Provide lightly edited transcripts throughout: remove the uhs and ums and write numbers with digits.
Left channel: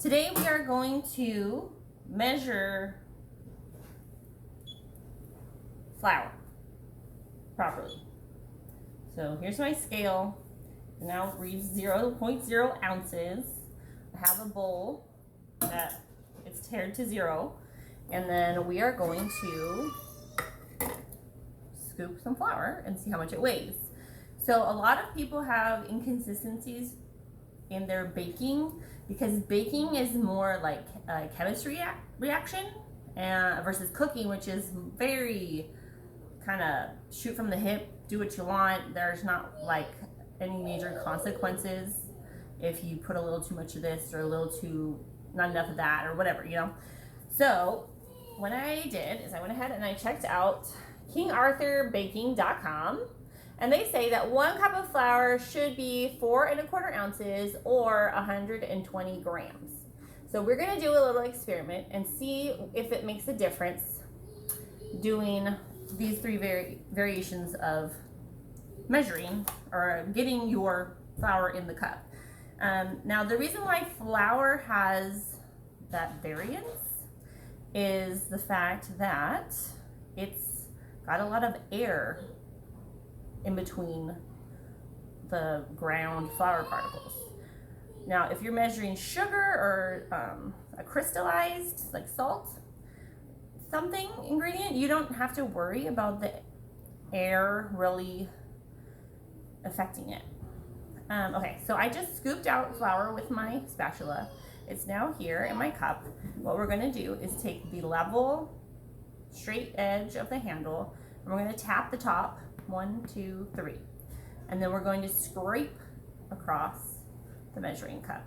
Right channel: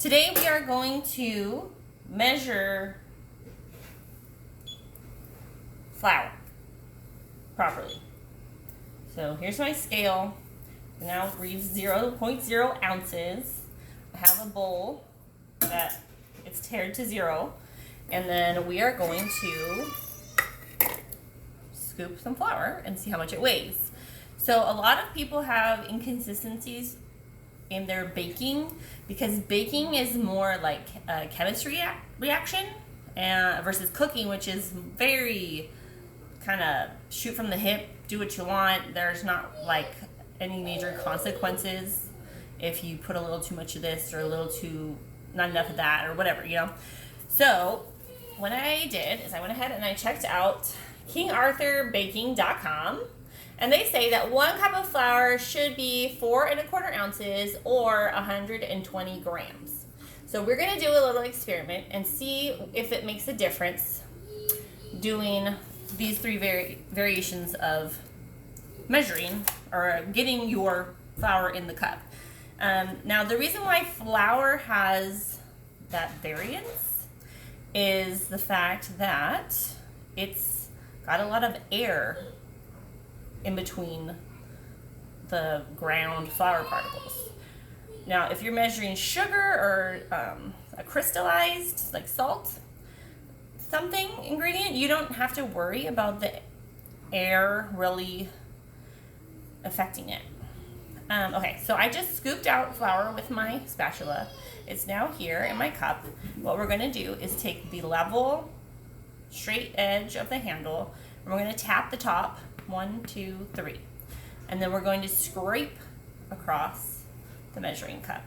Today we are going to measure flour properly. So here's my scale. Now it reads 0.0 ounces. I have a bowl that it's tared to 0. And then we are going to scoop some flour and see how much it weighs. So a lot of people have inconsistencies in their baking because baking is more like a chemistry reaction versus cooking, which is very kind of shoot from the hip, do what you want. There's not like any major consequences if you put a little too much of this or a little too not enough of that or whatever, you know. So what I did is I went ahead and I checked out KingArthurBaking.com, and they say that 1 cup of flour should be 4 1/4 ounces or 120 grams. So we're going to do a little experiment and see if it makes a difference doing these 3 variations of measuring or getting your flour in the cup. Now the reason why flour has that variance is the fact that it's got a lot of air in between the ground flour particles. Now if you're measuring sugar or a crystallized like salt something ingredient, you don't have to worry about the air really affecting it. Okay, so I just scooped out flour with my spatula. It's now here in my cup. What we're going to do is take the level, straight edge of the handle, and we're going to tap the top, 1, 2, 3. And then we're going to scrape across the measuring cup.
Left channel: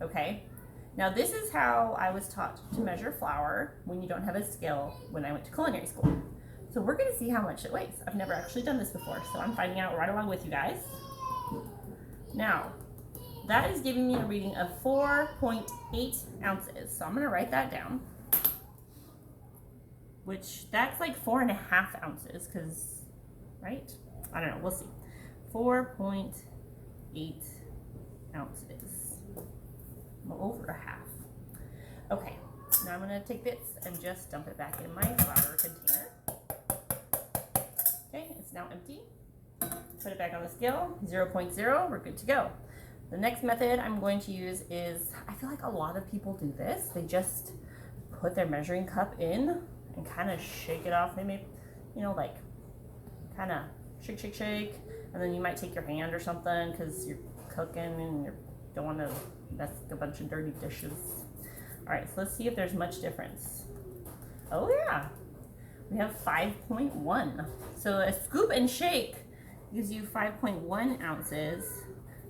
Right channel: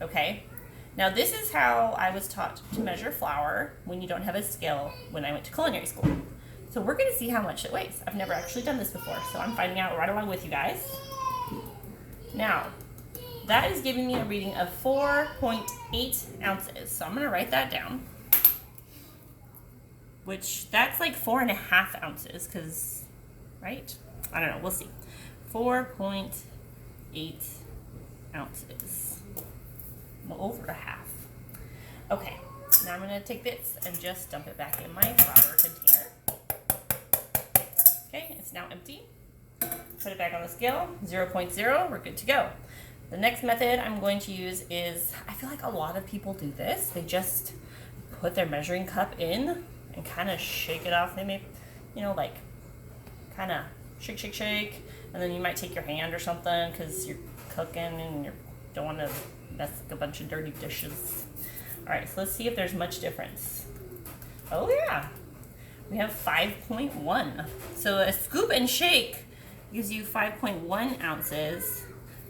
Okay, now this is how I was taught to measure flour when you don't have a scale when I went to culinary school. So we're going to see how much it weighs. I've never actually done this before, so I'm finding out right along with you guys. Now, that is giving me a reading of 4.8 ounces. So I'm going to write that down, which that's like 4.5 ounces because, right? I don't know. We'll see. 4.8 ounces. Well, over a half. Okay. Now I'm going to take this and just dump it back in my flour container. Okay, it's now empty. Put it back on the scale, 0.0, we're good to go. The next method I'm going to use is, I feel like a lot of people do this. They just put their measuring cup in and kind of shake it off. They make, you know, like kind of shake, and then you might take your hand or something because you're cooking and you don't want to mess up a bunch of dirty dishes. All right, so let's see if there's much difference. Oh yeah, we have 5.1. So a scoop and shake gives you 5.1 ounces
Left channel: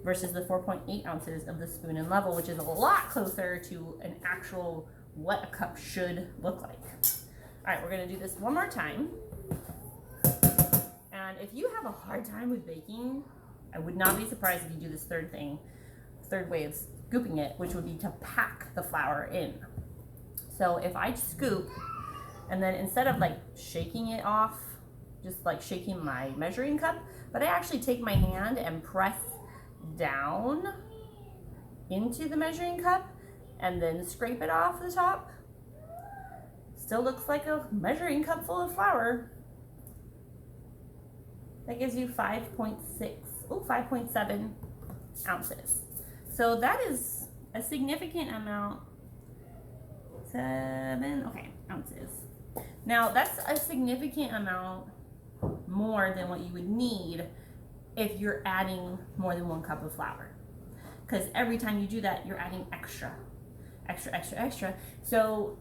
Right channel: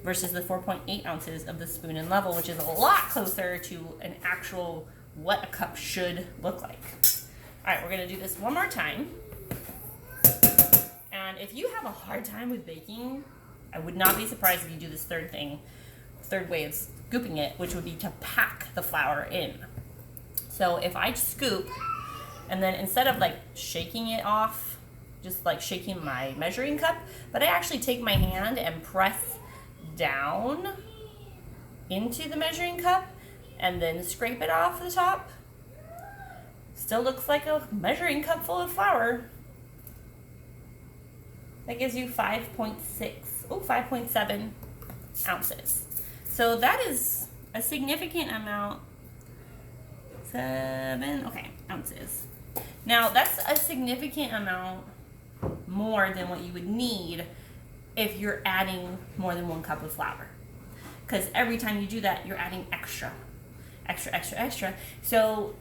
versus the 4.8 ounces of the spoon and level, which is a lot closer to an actual what a cup should look like. All right, we're gonna do this one more time. And if you have a hard time with baking, I would not be surprised if you do this third way of scooping it, which would be to pack the flour in. So if I scoop, and then instead of like shaking it off, just like shaking my measuring cup, but I actually take my hand and press down into the measuring cup and then scrape it off the top. Still looks like a measuring cup full of flour. That gives you 5.7 ounces. So that is a significant amount. 7 ounces. Now that's a significant amount more than what you would need if you're adding more than 1 cup of flour, because every time you do that you're adding extra. So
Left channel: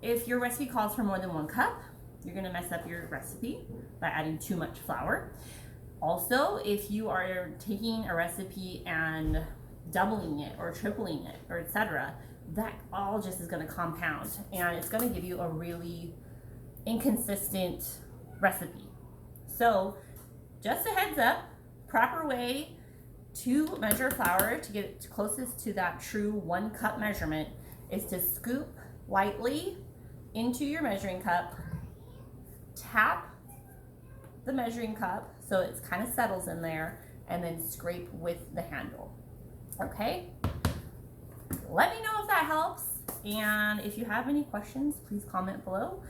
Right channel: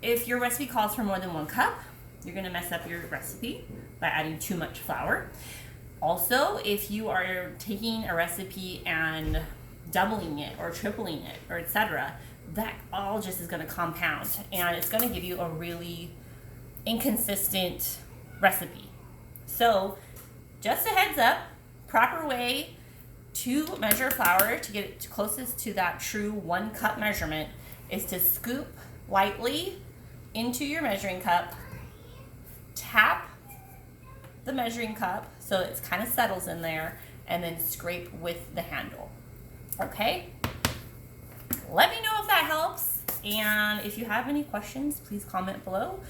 if your recipe calls for more than 1 cup, you're going to mess up your recipe by adding too much flour. Also, if you are taking a recipe and doubling it or tripling it or etc., that all just is going to compound and it's going to give you a really inconsistent recipe. So just a heads up, proper way to measure flour to get it closest to that true 1 cup measurement is to scoop lightly into your measuring cup, tap the measuring cup so it kind of settles in there, and then scrape with the handle. Okay? let me know if that helps. And if you have any questions, please comment below.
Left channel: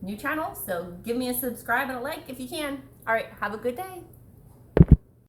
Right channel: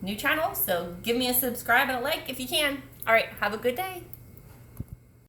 New channel, so give me a subscribe and a like if you can. All right, have a good day.